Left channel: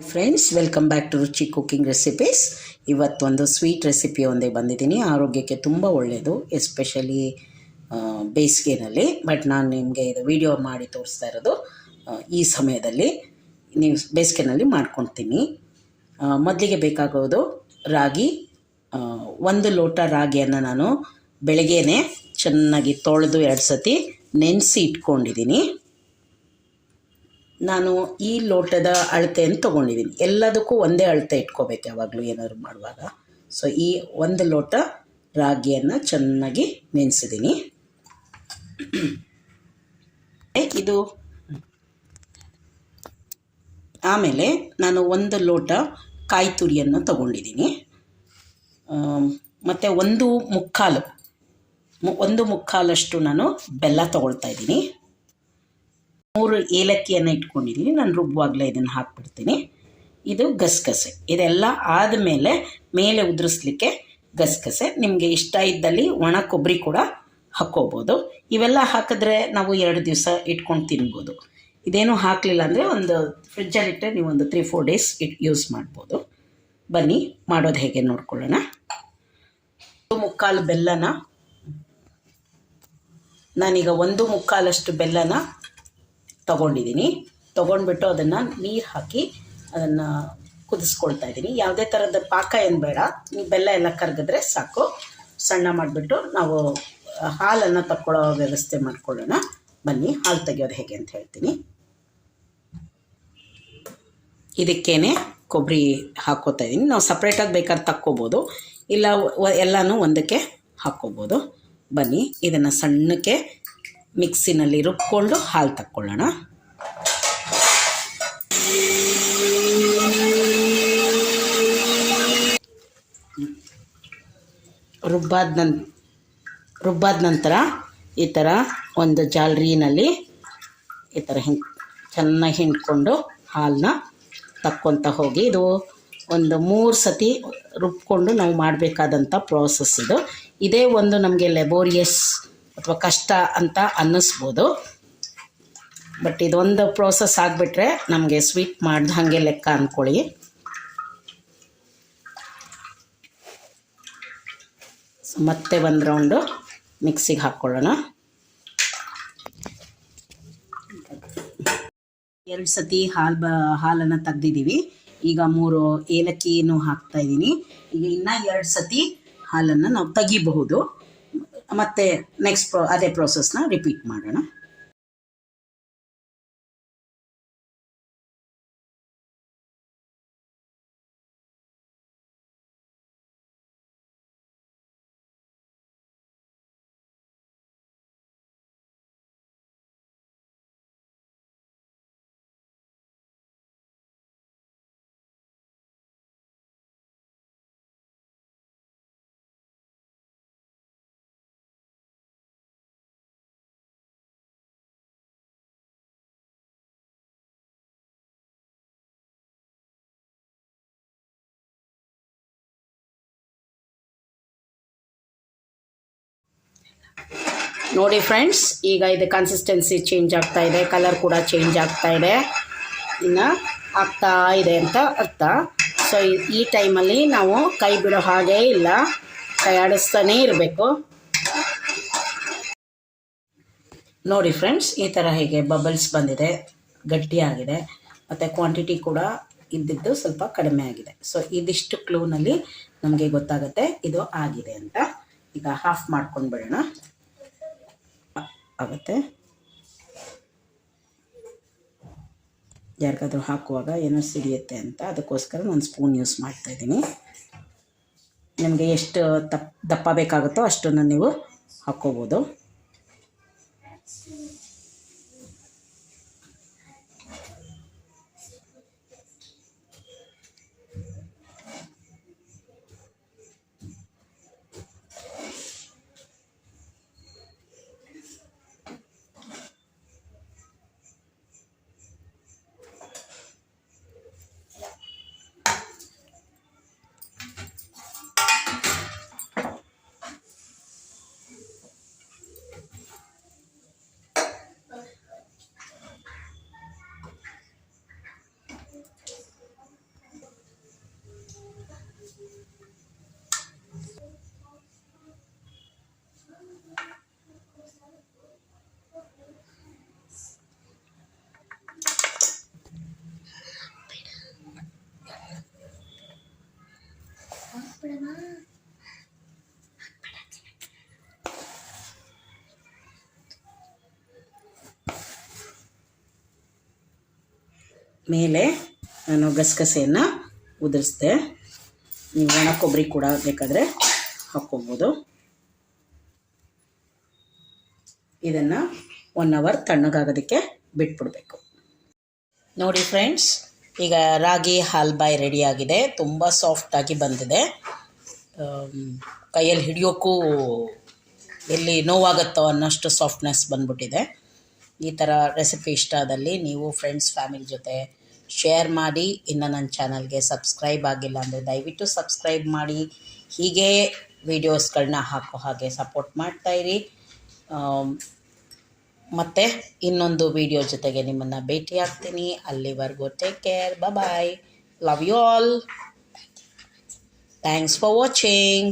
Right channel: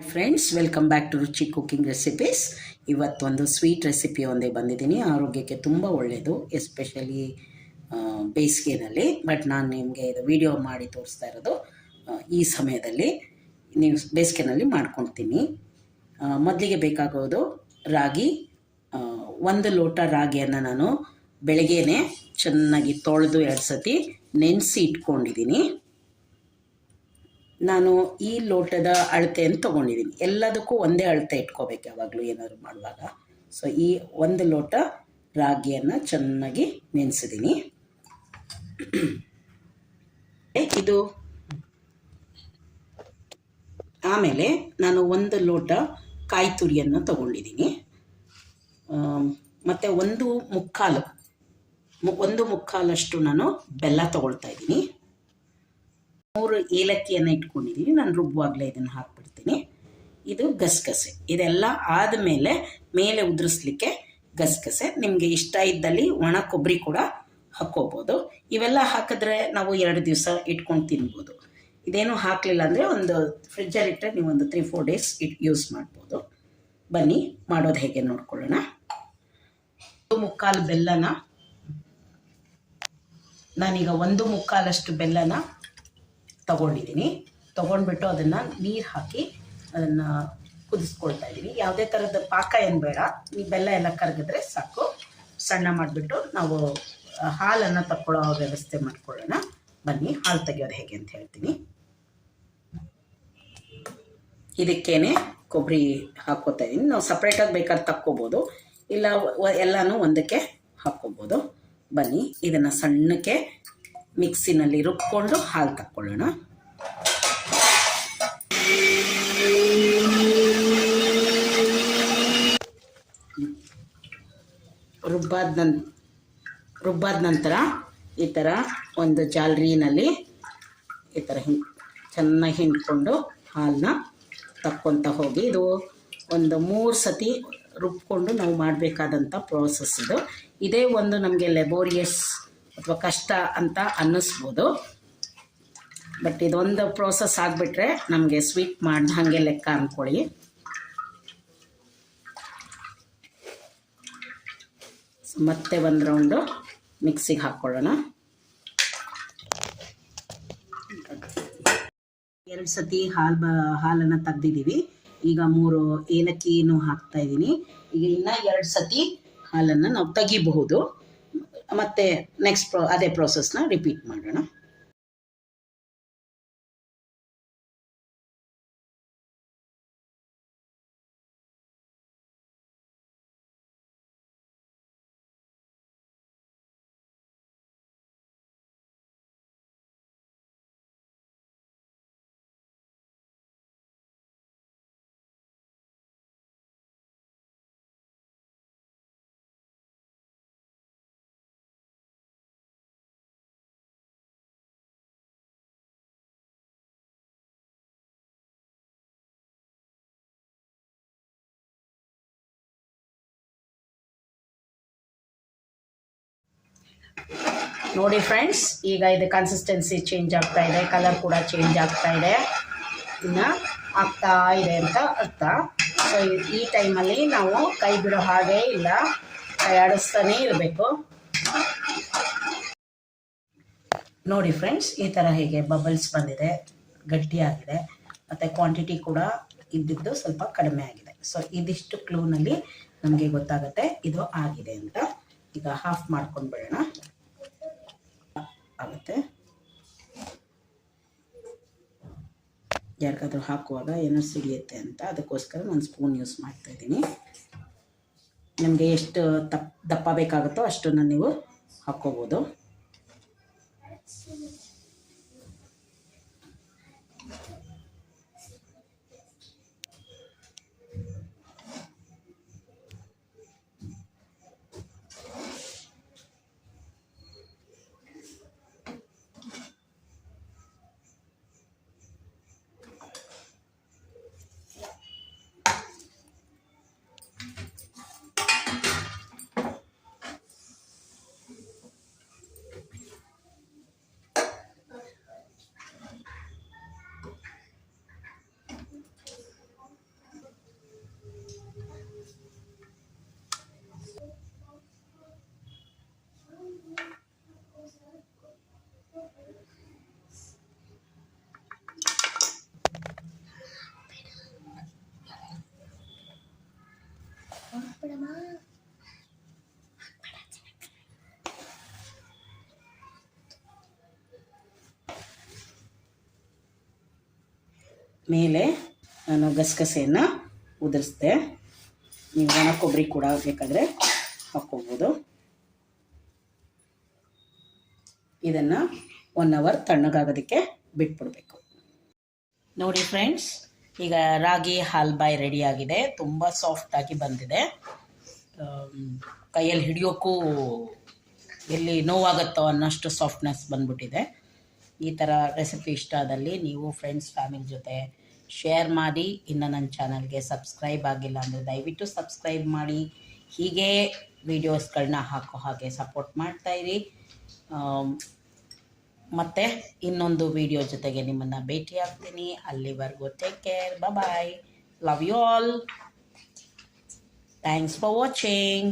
Friends, welcome back to ರುಚಿ cooking recipes. ಇವತ್ತೊಂದು sweet recipe ಒಂದೇ ಬಂದಿದ್ದೀನಿ. ಆರೋಗ್ಯಕ್ಕೆ ತುಂಬ ಒಳ್ಳೆಯದು, ಎಸ್ಪೆಷಲಿ ಬೇಸಿಗೆನಲ್ಲಿ. ಬಟ್ ನಾನು ನಿಮಗೆ ಇದು ವಿಡಿಯೋ ಮಾಡಿ ತೋರಿಸ್ತಾ ಇರೋದು ಈ ಸಮಯದಲ್ಲಿ. ನೀವು ಬೇಸಿಗೆನಲ್ಲಿ ಮಾಡ್ಕೊಳ್ತೀನಿ. ಮೊದಲಿಗೆ ಬೇಕಾಗೋದು ರಾಗಿ. 1 ಲೋಟ ರಾಗಿಯನ್ನು ನಾನು ಬೆಳಗ್ಗೆನೇ ಚೆನ್ನಾಗಿ ತೊಳೆದು 2 ಸತಿ ನೆನೆಸಿ ಇಟ್ಕೊಂಡಿದ್ದೀನಿ. ನಾನು ಈ ಲೋಟದ ಅಳತೆಯನ್ನು ತೊಗೊಂಡಿದ್ದೀನಿ. ಎಲ್ಲದಕ್ಕೂ ಒಂದೇ ಅಳತೆ ಇಟ್ಕೋಬೇಕು ಯಾವಾಗಲೂ ಏನಾದ್ರು ಮಾಡುವಾಗ. ಸೊ ಈ 1 ಲೋಟ ರಾಗಿಯನ್ನು ಚೆನ್ನಾಗಿ ನೆನೆಸಿದ್ದೀನಿ. ಇದು ಆಮೇಲೆ ನಾನು 1 ಲೋಟ ಕಾಯಿ ತುರಿಯನ್ನು ತೊಗೊಂಡಿದ್ದೀನಿ. ಮತ್ತು 1/4 ನಾನು ಬೆಲ್ಲ ತೊಗೊಳ್ತಾ ಇದ್ದೀನಿ. 3 ಏಲಕ್ಕಿಯನ್ನು ಇಟ್ಕೊಂಡಿದ್ದೀನಿ. ನಾನು ರುಬ್ಬುವಾಗಲೇ ಇದನ್ನು ಹಾಕ್ಬಿಡ್ತೀನಿ. ಇದು ಗಸಗಸೆ. ಇದೆಲ್ಲ ಆದಮೇಲೆ ಮೇಲೆ ಉದುರಿಸ್ಲಿಕ್ಕೆ ಗಸಗಸೆ. ನಿಮಗೆ ಇಷ್ಟ ಇದ್ದಲ್ಲಿ ಒಣ ಕೊಬ್ಬರಿ ಕೂಡ ಹಾಕ್ಕೋಬೋದು. ಇವೆಲ್ಲ ಹಾಕಿದ್ರೆ ನಾವು 2 ದಿವಸ ಇಟ್ಕೊಂಡು ತಿನ್ಬೋದು. ಇದೇನು ಹಾಕಲಿಲ್ಲ ಅಂದರೆ ಒಂದು ಫ್ರಿಜ್ಜಲ್ಲಿಟ್ಟರೆ ನೀವು ಒಂದು 3-4 ಡೇಸ್ ಯೂಸ್ ಮಾಡ್ಬೋದು. ಬನ್ನಿ ಮಾಡೋದು ಹೇಗೆ ನೋಡ್ಕೊಳ್ಳೋಣ. 1/4 ಬೆಲ್ಲನ ನಾನೀಗ 1/4 ಬೆಲ್ಲನ ತೊಗೊಂಡಿದ್ದೀನಿ. ತೊಗೊಂಡ್ಬಿಟ್ಟು ಅದನ್ನು ನೀರು ಹಾಕಿ ಅದನ್ನು ಕುದಿಸ್ಕೊಳ್ತಾ ಇದ್ದೀನಿ. ಯಾವುದೇ ಥರದ ಪಾಕ ಏನು ಬೇಡ, ಬೆಲ್ಲ ಎಲ್ಲ ಕರಗಿದ್ರೆ ಸಾಕು. ಸಣ್ಣ ಮಾಡಿಬಿಟ್ಟು ನಾವು ಹಾಲನ್ನು ತಗೊಳ್ಳೋ ವ್ಯವಸ್ಥೆ ಮಾಡ್ಕೊಳ್ಳೋಣ. ಬನ್ನಿ ಹಾಲು ತೆಗೆಯೋದು ಹೇಗೆ ಅಂತ ಹೇಳ್ತೀನಿ. ಇದಕ್ಕೇನೆ ಕೊಬ್ಬರಿ ಹಾಕ್ಕೋತಾ ಇದ್ದೀನಿ. ನಾವು ಸಪ್ರೇಟಾಗಿ ಬೇಕಾದ್ರೆ ತಕ್ಕೋಬೋದು, ಇಲ್ಲ ಎಲ್ಲನೂ ಒಂದಕ್ಕೆ ಹಾಕ್ಕೋಬೋದು. ಬನ್ನಿ ಇದನ್ನು ಸಣ್ಣಕ್ಕೆ ಮಿಕ್ಸಿನಲ್ಲಿ ರುಬ್ಕೊಂಡು ಹಾಲು ತಕ್ಕೊಳ್ಳೋಣ. ರುಬ್ಬಾದ ನಂತರ ಈ ಥರ ಒಂದು ಜಾಲರಿನಲ್ಲಿ ಈ ಥರ ಚೆನ್ನಾಗಿ ಹಿಂಡ್ಕೊಂಡು ಹಾಲನ್ನ ತಕ್ಕೊತ ಹೋಗಿ. ಇದು ಒಂದು 3 ಸತಿ ರುಬ್ಕೊಂಡು ನಾವು ಮಾಡಬೇಕಾದಂಥ ಪ್ರೋಸೆಸ್ ಇದು. ಇದೇ ಒಂದು ನಮಗೆ ಲೆಬೋರಿಯಸ್ ಅಥವಾ ಕಷ್ಟ ಅಂತ ಅನ್ನಿಸ್ಬೋದು. ಬಟ್ ಇದೊಂದು ಪ್ರೋಸೆಸ್ ಆಗಿಬಿಟ್ರೆ ನಮಗೆ ಸ್ವೀಟ್ ಮಾಡ್ದ ಹಾಗೆ ಲೆಕ್ಕ ಅಂದ್ಕೊಳ್ಳಿ. ಮತ್ತೆ 1 ರೌಂಡು ಮಿಕ್ಸಿಗೆ ಹಾಕ್ಕೊಳ್ಳೋಣ. 2 ಸತಿ ಹಾಲನ್ನು ತೆಗ್ದಿದ್ದೀವಿ. ಈಗ 3 ಏಲಕ್ಕಿನೂ ಹಾಕ್ತಾಯಿದ್ದೀನಿ. ಈಗ ಇನ್ನೂ 2 ಸತಿ ಹಾಲನ್ನು ನಾವು ತೆಗಿಬಹುದು. ಮತ್ತು ನೆಕ್ಸ್ಟ್ ಅದೇ ಪ್ರೋಸೆಸ್ನ ರಿಪೀಟ್ ಮಾಡೋಣ. ನೋಡಿ ಫ್ರೆಂಡ್ಸ್, ಈಗ ಇದು ಕನ್ಸಿಸ್ಟೆನ್ಸಿ ಚೇಂಜ್ ಆಗ್ತಾ ಇದೆ, ಕಲರ್ ಕೂಡ ಚೇಂಜ್ ಆಗ್ತಾ ಇದೆ, ಇನ್ನು ಆಗ್ತಾ ಇದೆ ಅಂತ ಅರ್ಥ. ಸೊ ಈ ಟೈಮಲ್ಲಿ ನಾವು ಕೈ ಬಿಡೋ ಹಾಗೆ ಇಲ್ಲ, ಕೈ ಆಡಿಸ್ತಾನೇ ಇರಬೇಕು. ನೋಡಿ ಫ್ರೆಂಡ್ಸ್, ಈ ಥರ ಹೇಗೆ ಬಬಲ್ಸ್ ಬಂದಿದೆ, ಗಟ್ಟಿಯಾಗಿದೆ, ಮತ್ತು ಕ್ವಾಂಟಿಟಿ ಕೂಡ ಇದ್ದಿದ್ದು ಸ್ವಲ್ಪ ಕಡಿಮೆ ಆಗಿದೆ. ಸೊ ಇದಿಷ್ಟು ಕ್ಲೂನಲ್ಲಿ ನಮಗೆ ಗೊತ್ತಾಗುತ್ತೆ ಇದು ಆಗಿದೆ ಅಂತ. ಈಗ ಹಾಫ್ ಮಾಡ್ಕೊಂಡು ಬಿಡೋಣ. ಆಗುತ್ತೆ. ಯಾರಿಗಾದ್ರೂ ಹಾಕುವಾಗ ಏನೋ ಸಿಡಿಯುತ್ತೆ ಅಂತ ಅದಕ್ಕೋಸ್ಕರ ನಾನು ಸ್ಪೂನ್ ಯೂಸ್ ಮಾಡ್ತಾಯಿದ್ದೀನಿ. ನಿಮಗೆ ಎಷ್ಟು ದಪ್ಪ ಬೇಕಾಗುತ್ತೋ ಅಷ್ಟನ್ನು ನೀವು ಹಾಕ್ಕೋಬೋದು. ಮೇಲೆ ನಾನು ಗಸಗಸೆಯನ್ನು ಉದುರಿಸಿದೆ. ನೀವು ಒಣ ಕೊಬ್ಬರಿ ಕೂಡ ಬೇಕಾದರೆ ಹಾಕ್ಕೋಬೋದು. ಇದನ್ನು 1 ಅವರ್ ತಣ್ಣಗಾಗೋದಕ್ಕೆ ಬಿಟ್ಬಿಡಬೇಕು. ನೋಡಿ ಫ್ರೆಂಡ್ಸ್, ಈಗ ರಾಗಿ ಹಾಲ್ಬಾಯ್ ರೆಡಿಯಾಗಿದೆ. ತುಂಬ ಸಾಫ್ಟಾಗಿ ಬಂದಿದೆ. ಕೈಯಲ್ಲಿ ಹಿಡಿಯೋಕ್ಕೂ ಎಲ್ಲಿ ನೋವಾಗುತ್ತೋ ಅನ್ನೋಷ್ಟು ಸಾಫ್ಟ್ನೆಸ್ ಬಂದ್ಬಿಟ್ಟಿದೆ. ಈ ಥರ ರೆಸಿಪಿ ಇಷ್ಟ ಆದಲ್ಲಿ ನೀವು ಫ್ರೆಂಡ್ಸ್ ಫ್ಯಾಮಿಲಿ ಜೊತೆ ಶೇರ್ ಮಾಡಿ. ಇನ್ನು ನನ್ನ ಚಾನಲ್ಗೆ ಸಬ್ಸ್ಕ್ರೈಬ್ ಆಗಿಲ್ಲ ಅಂದರೆ ದಯವಿಟ್ಟು ಸಬ್ಸ್ಕ್ರೈಬ್ ಮಾಡಿ. ಹೀಗೆ ವೀಡಿಯೋಸ್ಗಳನ್ನ ಹಾಕೋ ಹಾಗೆ ಸಪೋರ್ಟ್ ಮಾಡ್ತಾಯಿರಿ. ಮತ್ತು ಇನ್ನೊಂದು ವೀಡಿಯೋ ಜೊತೆಗೆ ನಿಮ್ಮನ್ನು ಭೇಟಿ ಆಗ್ತೀನಿ. ಅಲ್ಲಿವರೆಗೂ take care, bye. Love you all. Thanks for watching.